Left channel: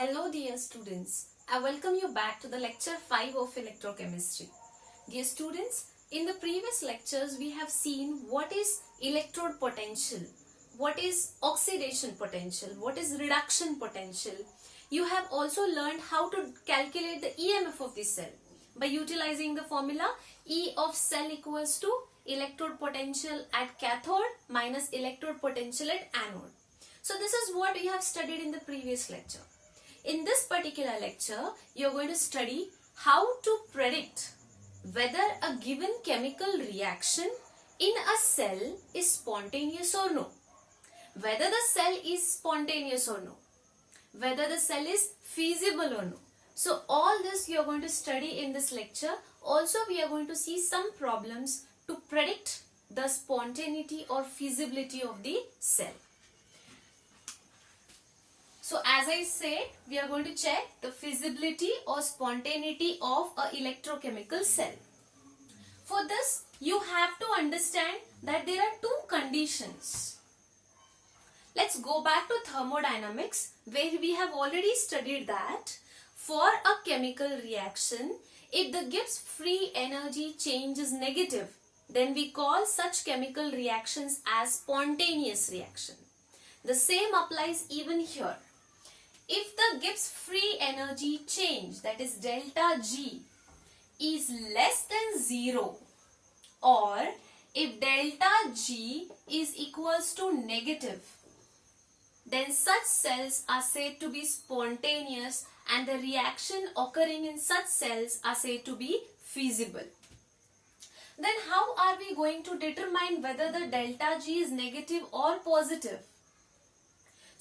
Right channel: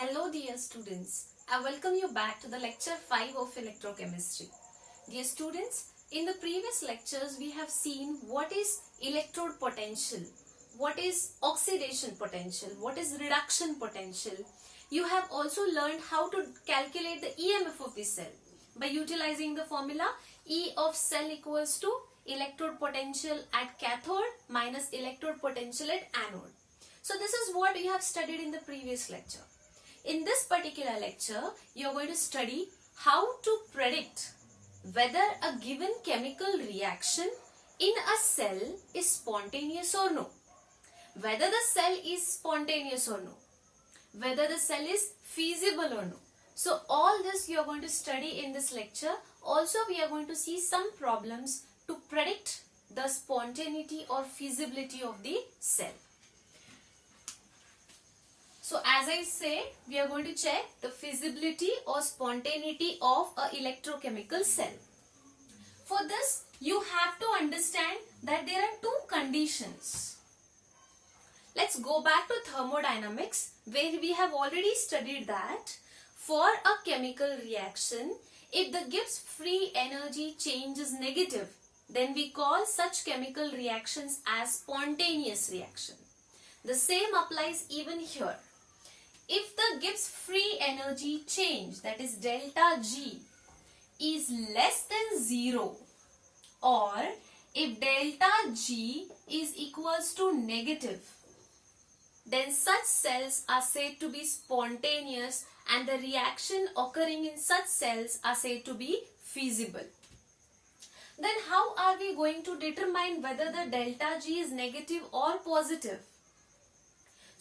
Hello dear students, I welcome you back to the lecture 5 of electrochemistry. Dear students, in the previous lectures we have seen what is electrode potential, what is oxidation potential, what is reduction potential. You have also learned how to calculate the EMF of the cell by utilizing the formula E of cell equals to electrode potential at cathode minus electrode potential at anode. So this is what we have studied in the previous lecture. In this particular lecture, you are going to study how to predict whether a given chemical reaction in a cell is spontaneous or no, whether the cell is spontaneous or no, whether the cell is feasible or no. So all this you are going to study in this lecture. Also, we are going to see some problems to predict the spontaneity or feasibility of the cell. So as I said, we are going to check the feasibility or spontaneity of a electrochemical cell. For this, you have to understand that there are two conditions. Let's go back to thermodynamics, where we have already studied that for a chemical reaction, if the Gibbs free energy change is negative, then we call such chemical reactions as spontaneous reaction. The same applies even here. If the Gibbs free energy change, that is delta G, is less than 0, or if delta G is equals to negative, then such cells are said to be spontaneous and the reaction occurring in such cells are said to be feasible. Then how are we going to determine whether the delta G is negative or positive?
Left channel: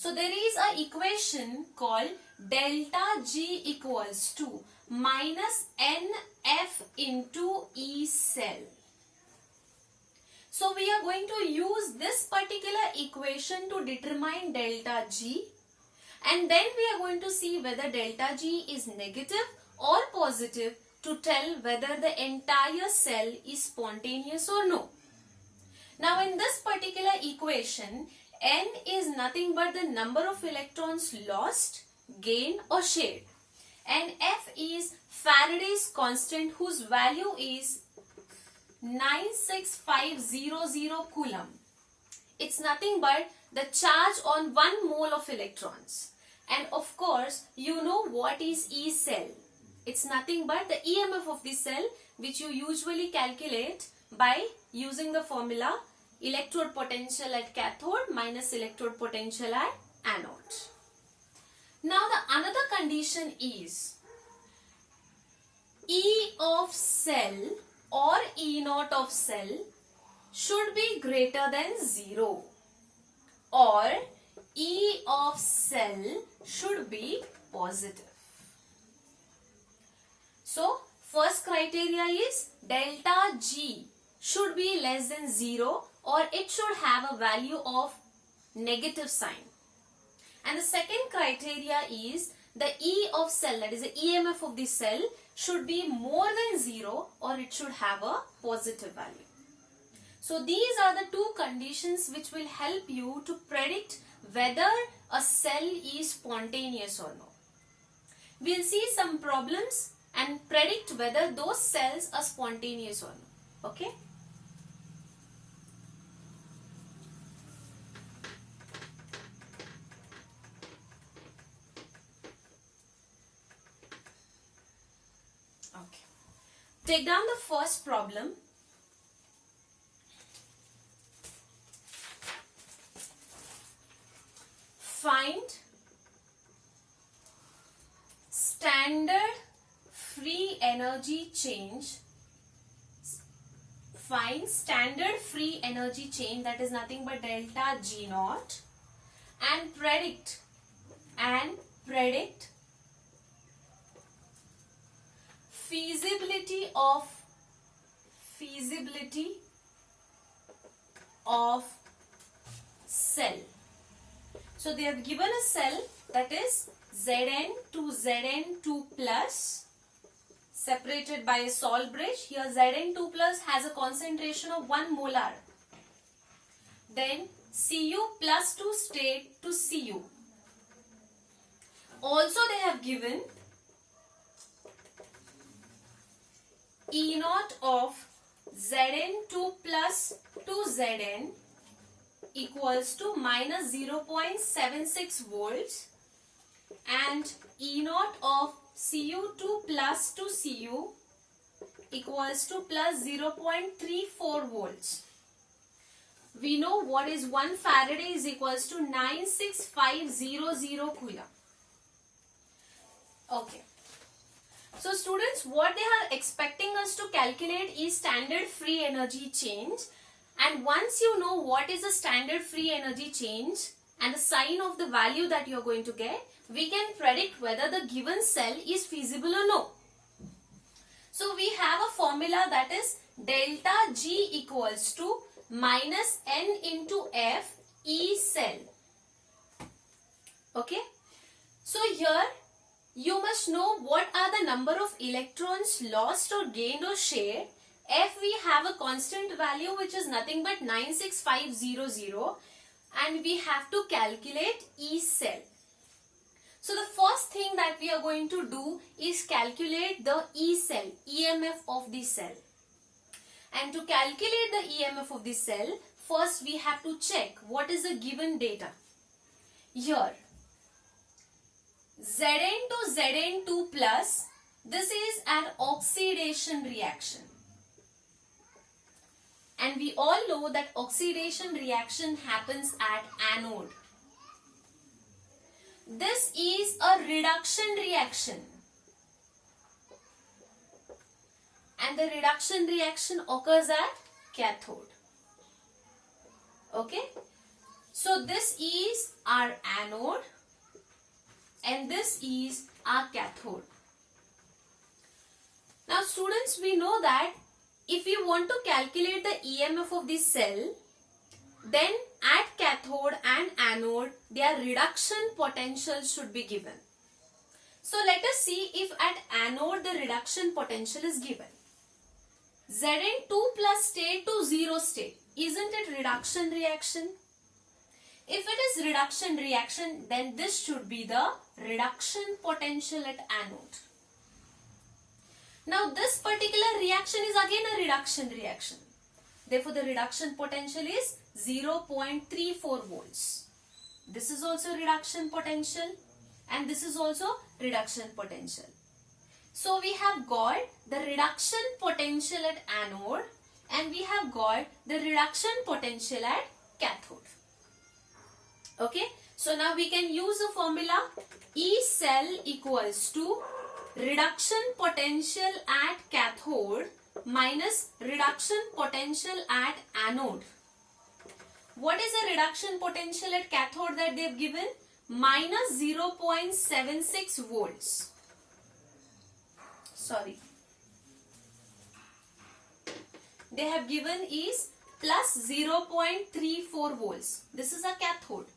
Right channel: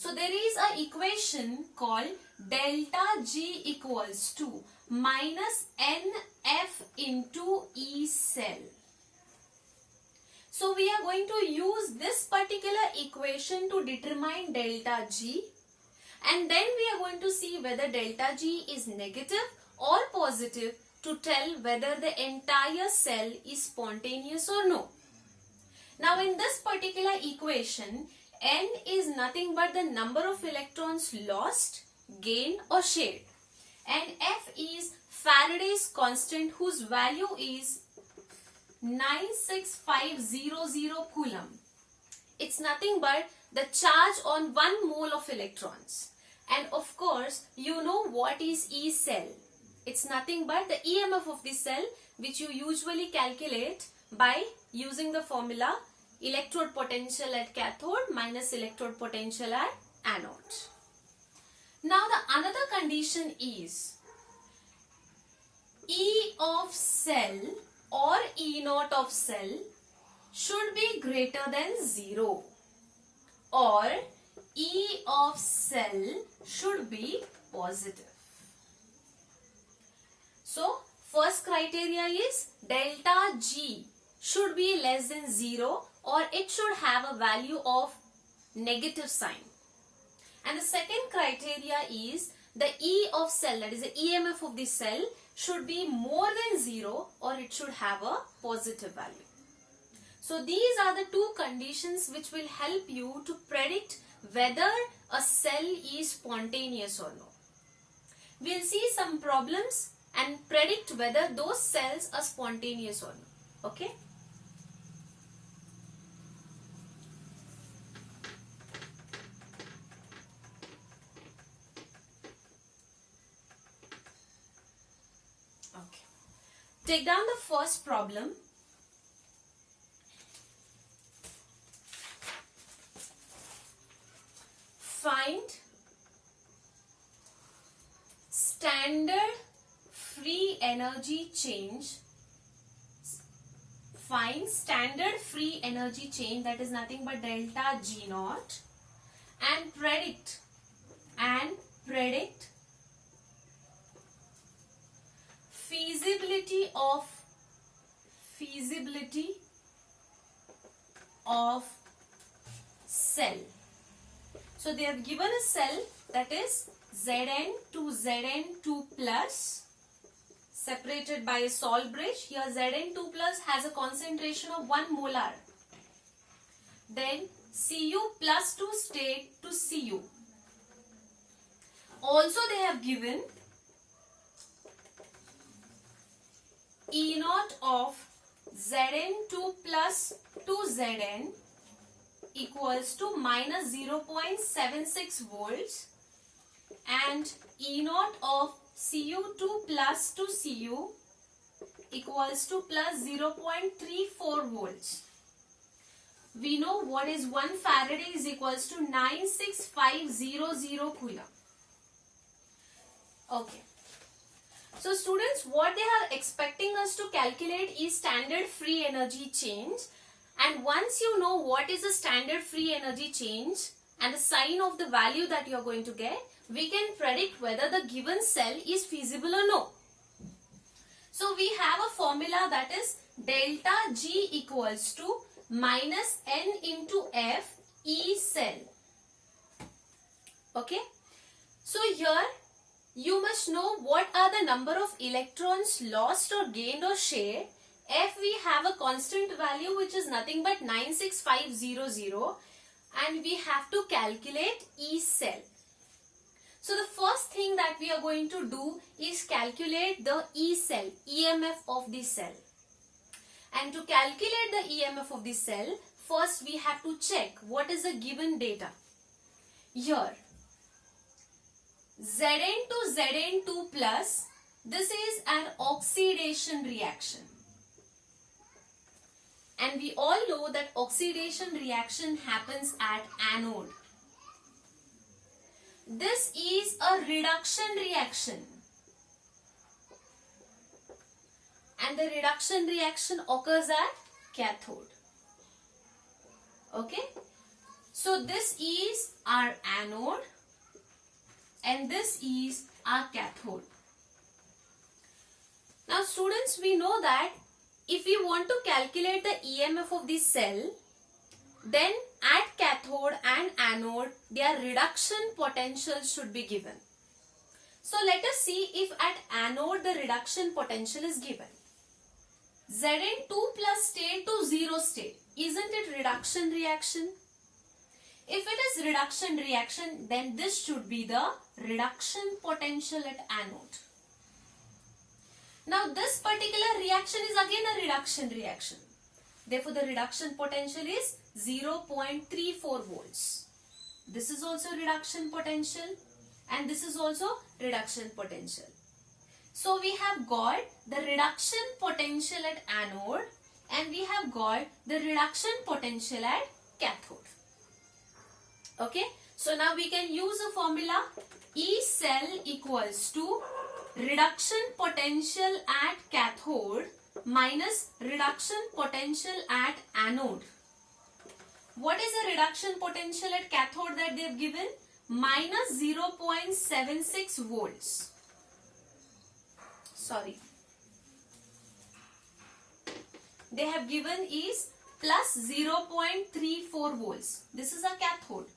So there is an equation called delta G equals to minus NF into E cell. So we are going to use this particular equation to determine delta G, and then we are going to see whether delta G is negative or positive to tell whether the entire cell is spontaneous or no. Now in this particular equation, N is nothing but the number of electrons lost, gained or shared, and F is Faraday's constant whose value is 96500 coulomb. It's nothing but the charge on 1 mole of electrons. And of course, you know what is E cell. It's nothing but the EMF of the cell, which you usually calculate by using the formula electrode potential at cathode minus electrode potential at anode. Now the another condition is E of cell or E naught of cell should be greater than 0, or E of cell should be positive. So first criteria is delta G should be less than 0, or it should have a value of negative sign. And the second criteria is the E of cell, that is the EMF of the cell, should be more than 0 or it should have a positive value. So these are the two conditions which will help you to predict whether a cell is spontaneous or no. We'll see some problems and predict whether those cells are spontaneous or no. Okay? Take down the first problem. Find standard free energy change. Find standard free energy change, that is nothing but delta G naught, and predict feasibility of cell. So they have given a cell that is Zn to Zn2 plus separated by a salt bridge. Here Zn2 plus has a concentration of 1 molar. Then Cu plus to state to Cu. Also they have given E naught of Zn2 plus 2Zn equals to minus 0.76 volts and E naught of Cu2 plus 2Cu equals to plus 0.34 volts. We know what is 1 Faraday is equals to 96500 coulomb. Okay. So students, what they are expecting us to calculate is standard free energy change. And once you know what is the standard free energy change and the sign of the value that you are going to get, we can predict whether the given cell is feasible or no. So we have a formula that is delta G equals to minus N into F E cell. Okay. So here you must know what are the number of electrons lost or gained or shared. F we have a constant value which is nothing but 96500 and we have to calculate E cell. So the first thing that we are going to do is calculate the E cell, EMF of the cell. And to calculate the EMF of the cell, first we have to check what is the given data. Here, Zn to Zn2 plus, this is an oxidation reaction. And we all know that oxidation reaction happens at anode. This is a reduction reaction. And the reduction reaction occurs at cathode. Okay. So this is our anode and this is our cathode. Now students, we know that if we want to calculate the EMF of the cell, then at cathode and anode, their reduction potential should be given. So let us see if at anode the reduction potential is given. Zn2 plus state to 0 state. Isn't it reduction reaction? If it is reduction reaction, then this should be the reduction potential at anode. Now this particular reaction is again a reduction reaction. Therefore the reduction potential is 0.34 volts. This is also reduction potential and this is also reduction potential. So we have got the reduction potential at anode and we have got the reduction potential at cathode. Okay. So now we can use the formula E cell equals to reduction potential at cathode minus reduction potential at anode. What is the reduction potential at cathode that they have given? Minus 0.76 volts. Sorry. They have given is plus 0.34 volts. This is a cathode.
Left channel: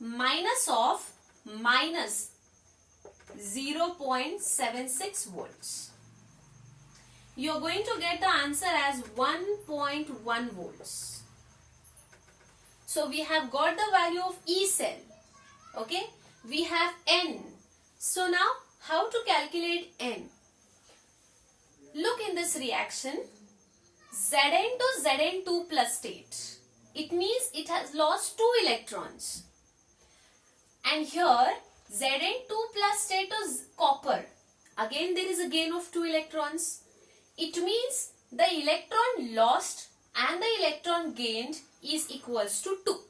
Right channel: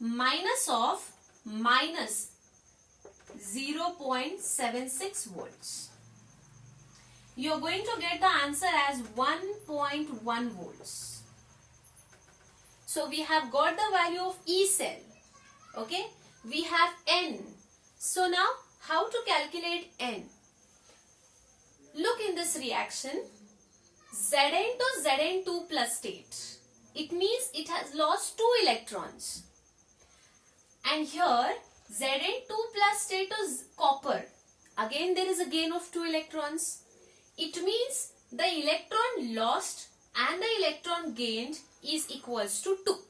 Minus of minus 0.76 volts. You are going to get the answer as 1.1 volts. So we have got the value of E cell. Okay. We have N. So now how to calculate N? Look in this reaction. Zn to Zn2 plus state. It means it has lost 2 electrons. And here Zn2 plus state is copper. Again there is a gain of 2 electrons. It means the electron lost and the electron gained is equals to 2.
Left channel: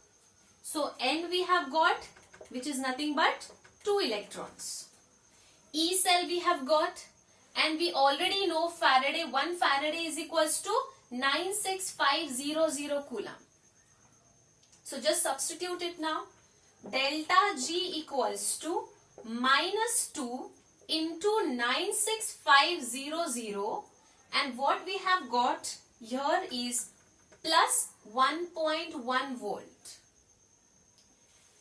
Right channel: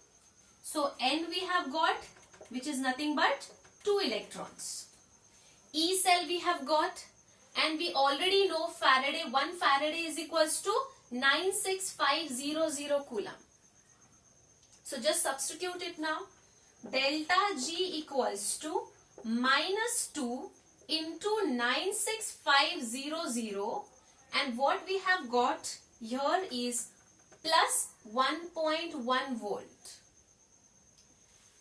So N we have got, which is nothing but 2 electrons. E cell we have got, and we already know Faraday, 1 Faraday is equals to 96500 coulomb. So just substitute it now. Delta G equals to minus 2 into 96500, and what we have got here is plus 1.1 volt.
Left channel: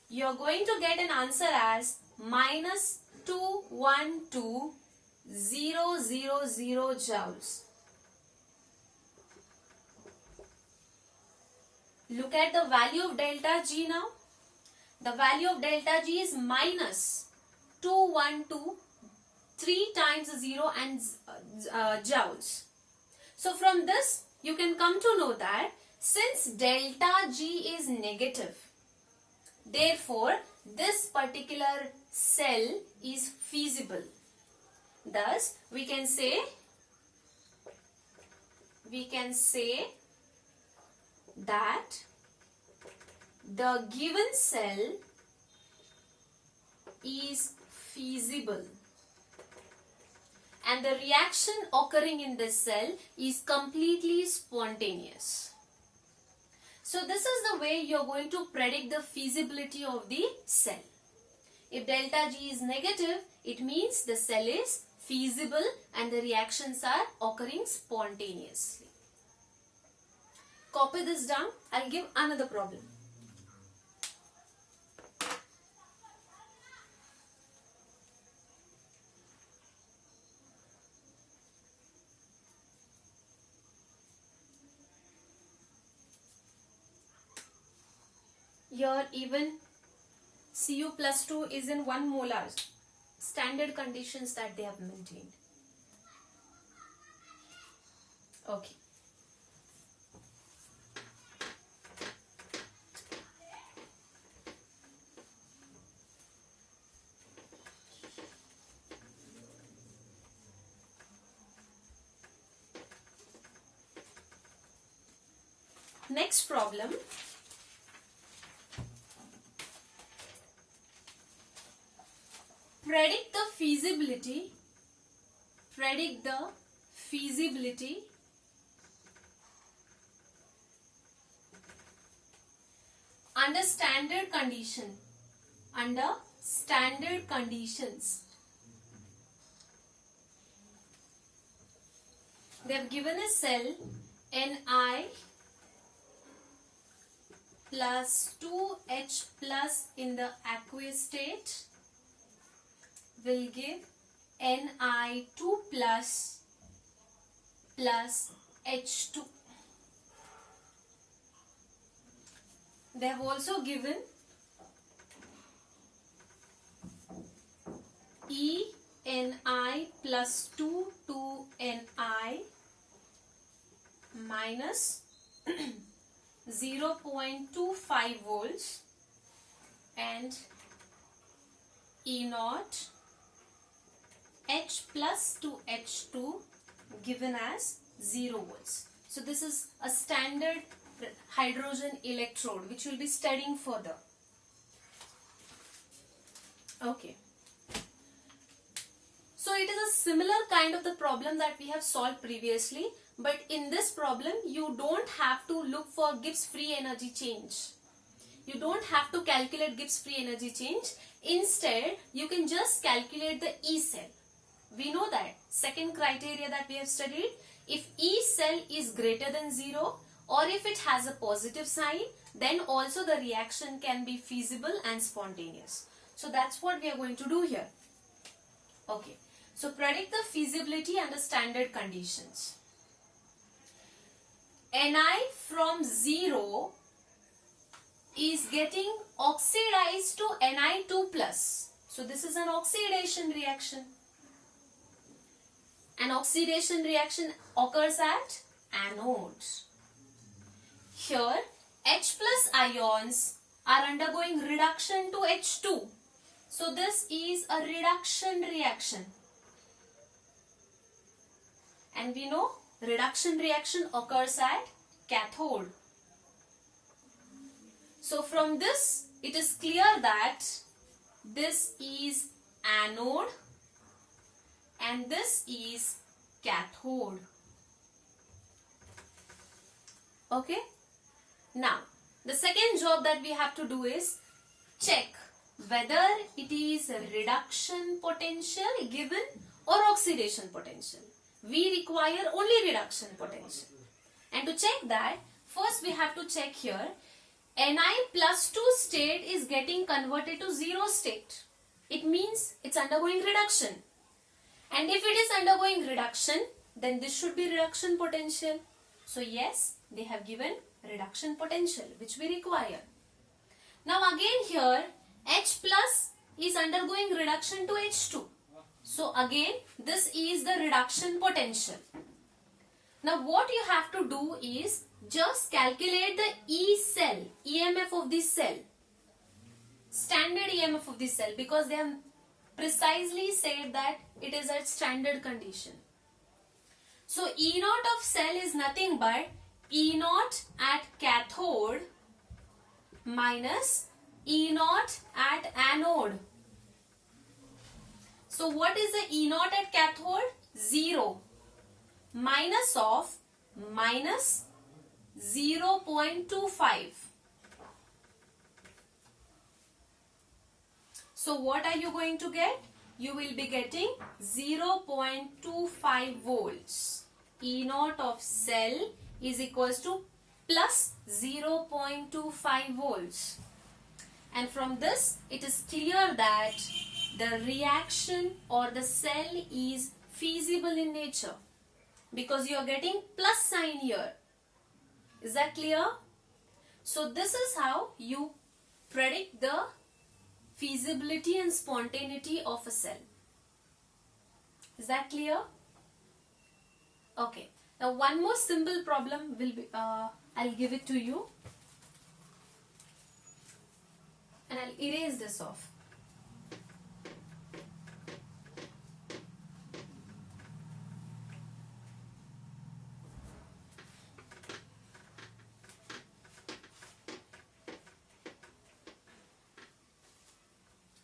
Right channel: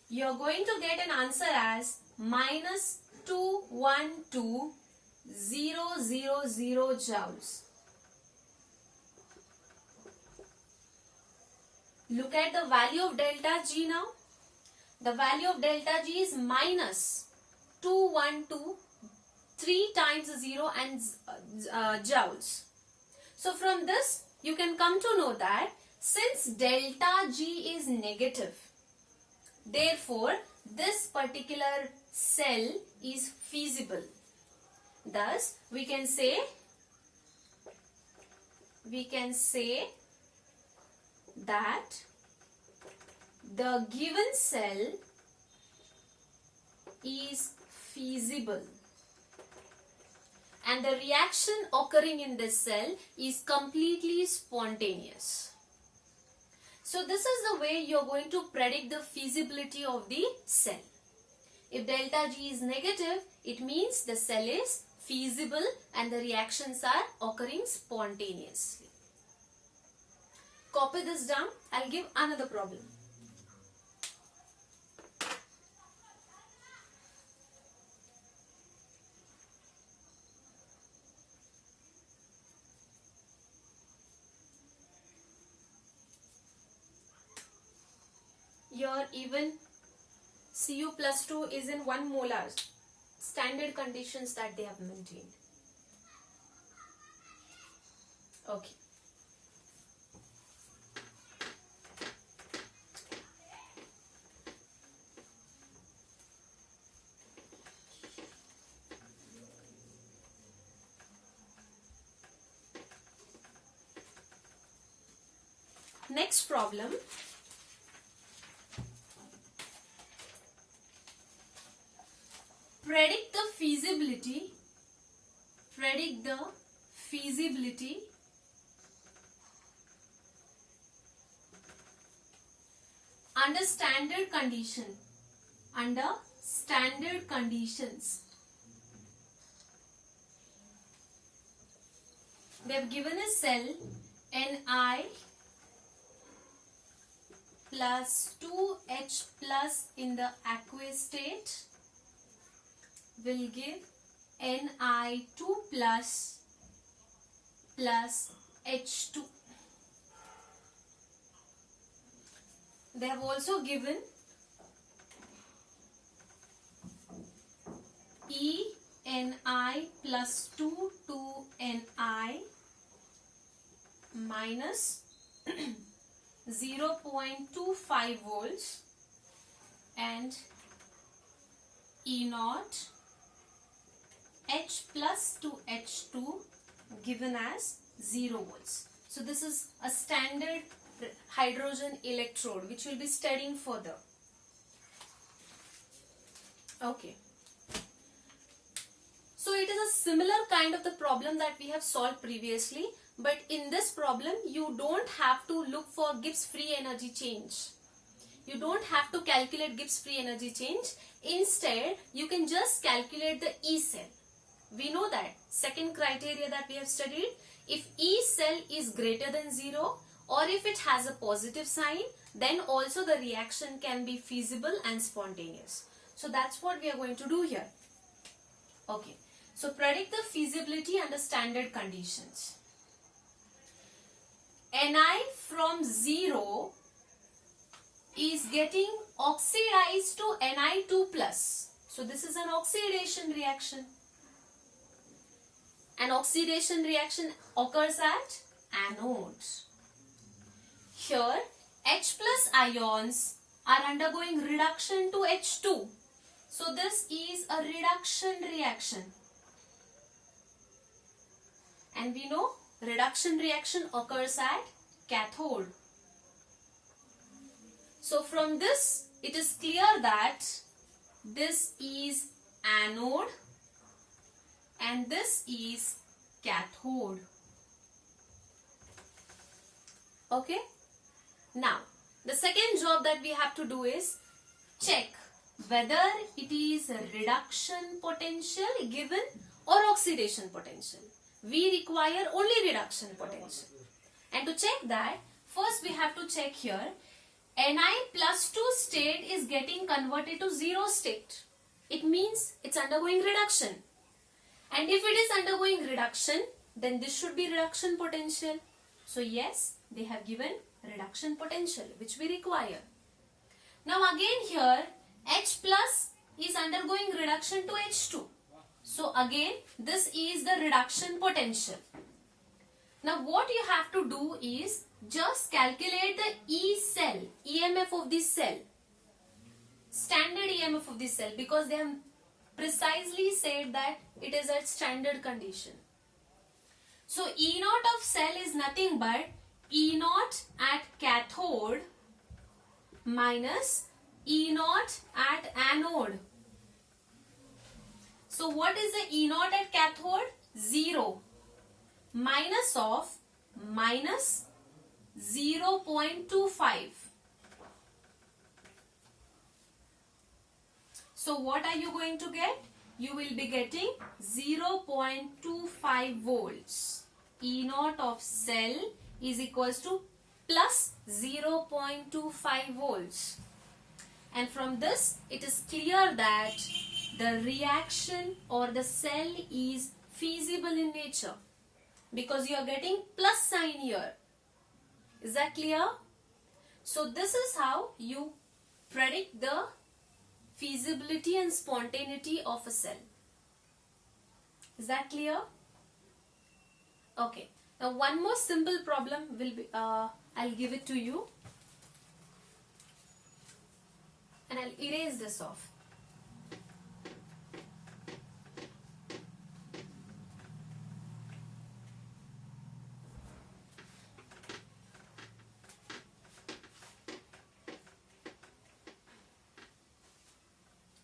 You are going to get an answer as minus 212,000 joules. Look at the value of delta G now. the value of delta G is minus 2123 times 0 and joules. So from this you can come to know that since delta G is negative, therefore this particular cell is feasible. Thus we can say that the given cell is feasible and the reaction occurring in this cell is completely spontaneous. So this is the way you are going to predict the feasibility of the cell. If delta G is negative, it means the cell is feasible and the reactions are occurring spontaneously. Copy this down. I'll give another problem. Here even Cu plus 2 is in 1 molar, standard conditions that they have maintained. Okay. Next problem. Predict the feasibility under standard conditions. They have given a cell Ni plus 2H plus in the aqueous state will give Ni2 plus H2. They have also given ENI plus 2 2NI minus 0.25 volts and E0 H plus 2H2 given as 0 volts. So this is a standard hydrogen electrode which we'll be studying further. Okay. So it is a similar kind of the problem that we have solved previously, but in this problem you don't have to look for Gibbs free energy change. You don't have to calculate Gibbs free energy change. Instead, you can just calculate the E cell. We know that second criteria that we have studied, if E cell is greater than 0 or if it has a positive sign, then also the reaction can be feasible and spontaneous. So that's what we are going to do here. Okay. So predict the feasibility under standard conditions. Ni from 0 is getting oxidized to Ni2 plus. So this is an oxidation reaction. An oxidation reaction occurs at anodes. Here H plus ions are undergoing reduction to H2. So this is a reduction reaction. And we know reduction reaction occurs at cathode. So from this it is clear that this is anode and this is cathode. Okay. Now the second job that we have to do is check whether it is a reduction potential given or oxidation potential. We require only reduction potential. And to check that, first we have to check here, Ni plus 2 state is getting converted to 0 state. It means it's undergoing reduction. And if it is undergoing reduction, then this should be reduction potential. So yes, they have given reduction potential which we require. Now again here H plus is undergoing reduction to H2. So again this is the reduction potential. Now what you have to do is just calculate the E cell, EMF of this cell. Standard EMF of this cell, because they have precisely said that it is at standard condition. So E naught of cell is nothing but E naught at cathode minus E naught at anode. So what is the E naught at cathode? 0 minus of minus 0.25. So what are you going to get? You will be getting 0.25 volts. E naught of cell is equals to plus 0.25 volts. And from this it is clear that the reaction or the cell is feasible in nature, because you are getting plus sign here. Is that clear? So this is how you predict the feasibility and spontaneity of a cell. Is that clear? Okay. Now one more simple problem will be, I'll give it to you. And I'll erase this off.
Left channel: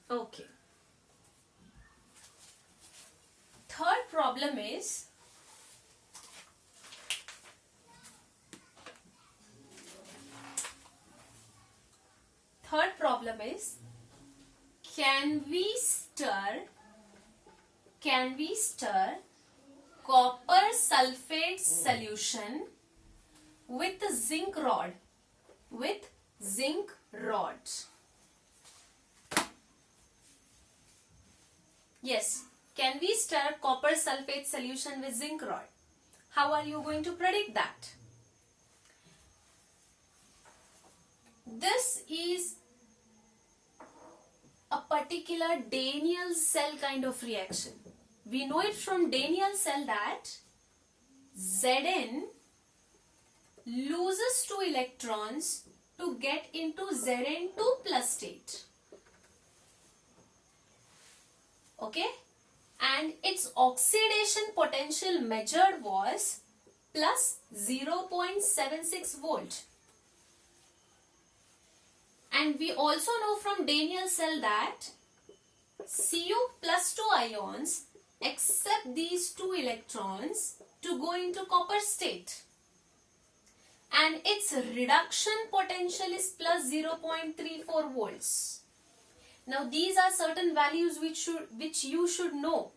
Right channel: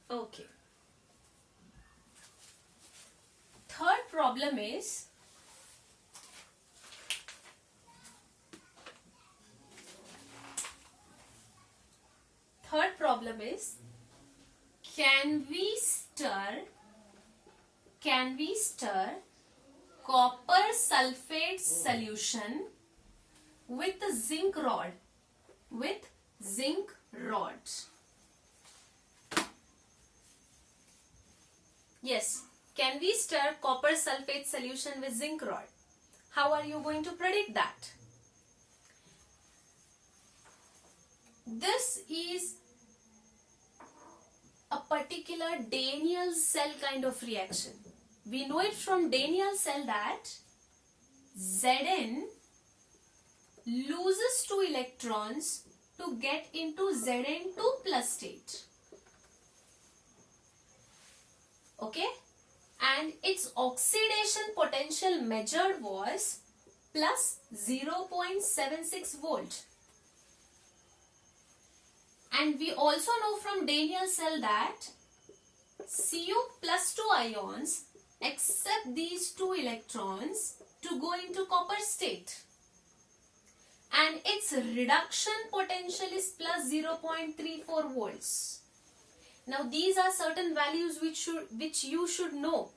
Okay. Third problem is can we stir copper sulfate solution with zinc rods? Yes, can we stir copper sulfate solution with zinc rod? How are you going to predict that? This is a particular Daniell cell kind of reaction. We know it from Daniell cell that Zn loses 2 electrons to get into Zn2 plus state. Okay, and its oxidation potential measured was plus 0.76 volt. And we also know from Daniell cell that Cu plus 2 ions accept these 2 electrons to go into copper state. And its reduction potential is plus 0.34 volts. Now these are certain values which you should know.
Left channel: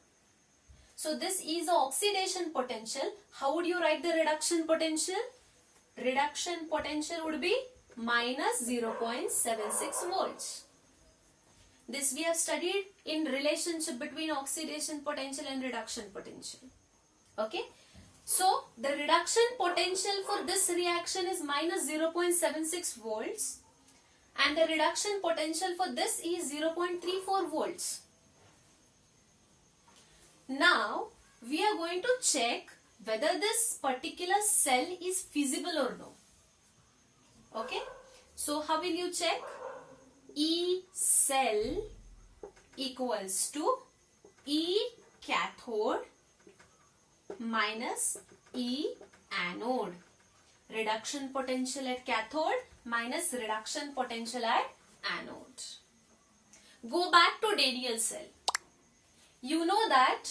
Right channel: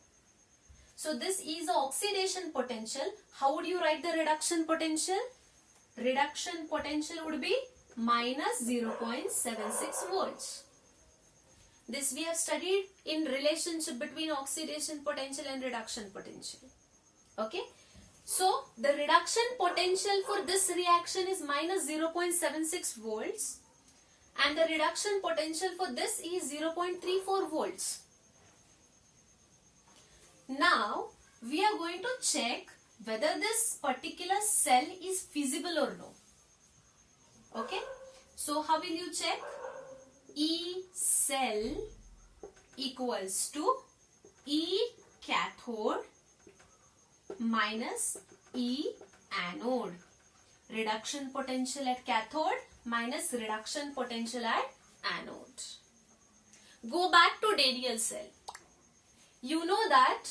So this is the oxidation potential. How would you write the reduction potential? Reduction potential would be minus 0.76 volts. This we have studied in relationship between oxidation potential and reduction potential. Okay. So the reduction potential for this reaction is minus 0.76 volts. And the reduction potential for this is 0.34 volts. Now, we are going to check whether this particular cell is feasible or no. Okay. So, how will you check? E cell equals to E cathode minus E anode. Reduction potential at cathode minus reduction potential at anode. Go back to Daniell cell. You know that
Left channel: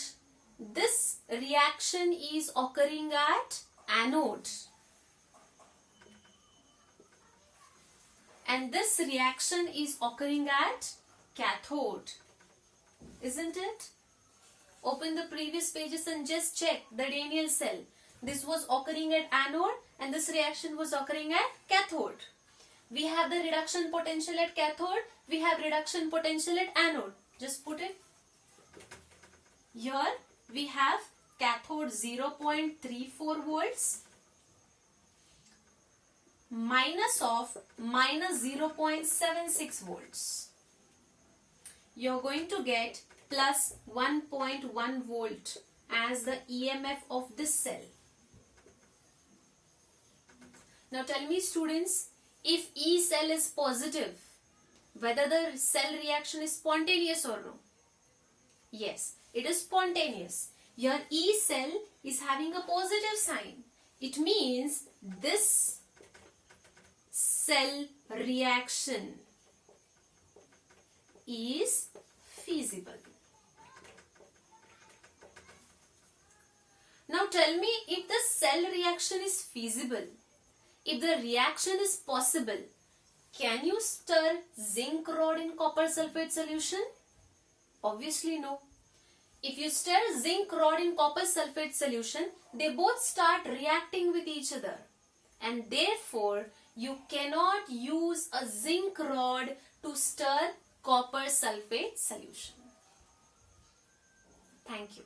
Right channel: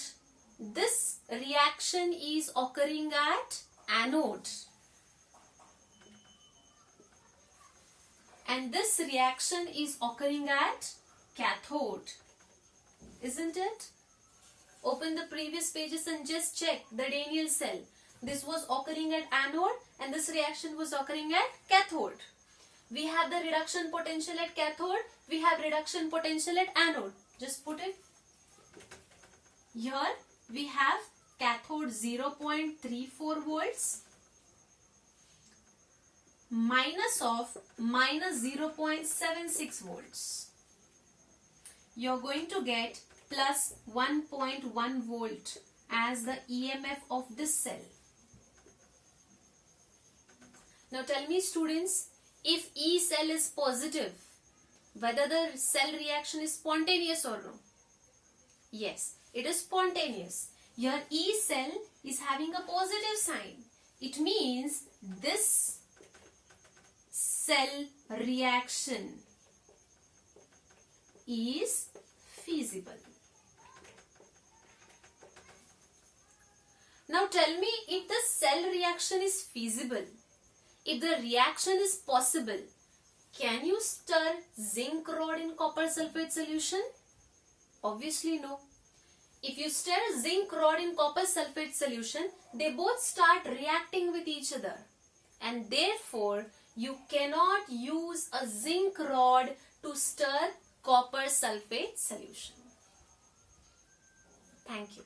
this reaction is occurring at anode. And this reaction is occurring at cathode. Isn't it? Open the previous pages and just check the Daniell cell. This was occurring at anode and this reaction was occurring at cathode. We have the reduction potential at cathode. We have reduction potential at anode. Just put it. Here we have cathode 0.34 volts. minus of minus 0.76 volts. You're going to get plus 1.1 volt as the EMF of this cell. Now tell me students, if E cell is positive, whether the cell reaction is spontaneous or no? Yes, it is spontaneous. Your E cell is having a positive sign. It means this cell reaction is feasible. Now tell me, if the cell reaction is feasible, if the reaction is possible, can you stir zinc rod in copper sulfate solution? Obviously no. If you stir zinc rod in copper sulfate solution, they both start reacting with each other, and therefore you cannot use a zinc rod to stir copper sulfate solution. Thank you.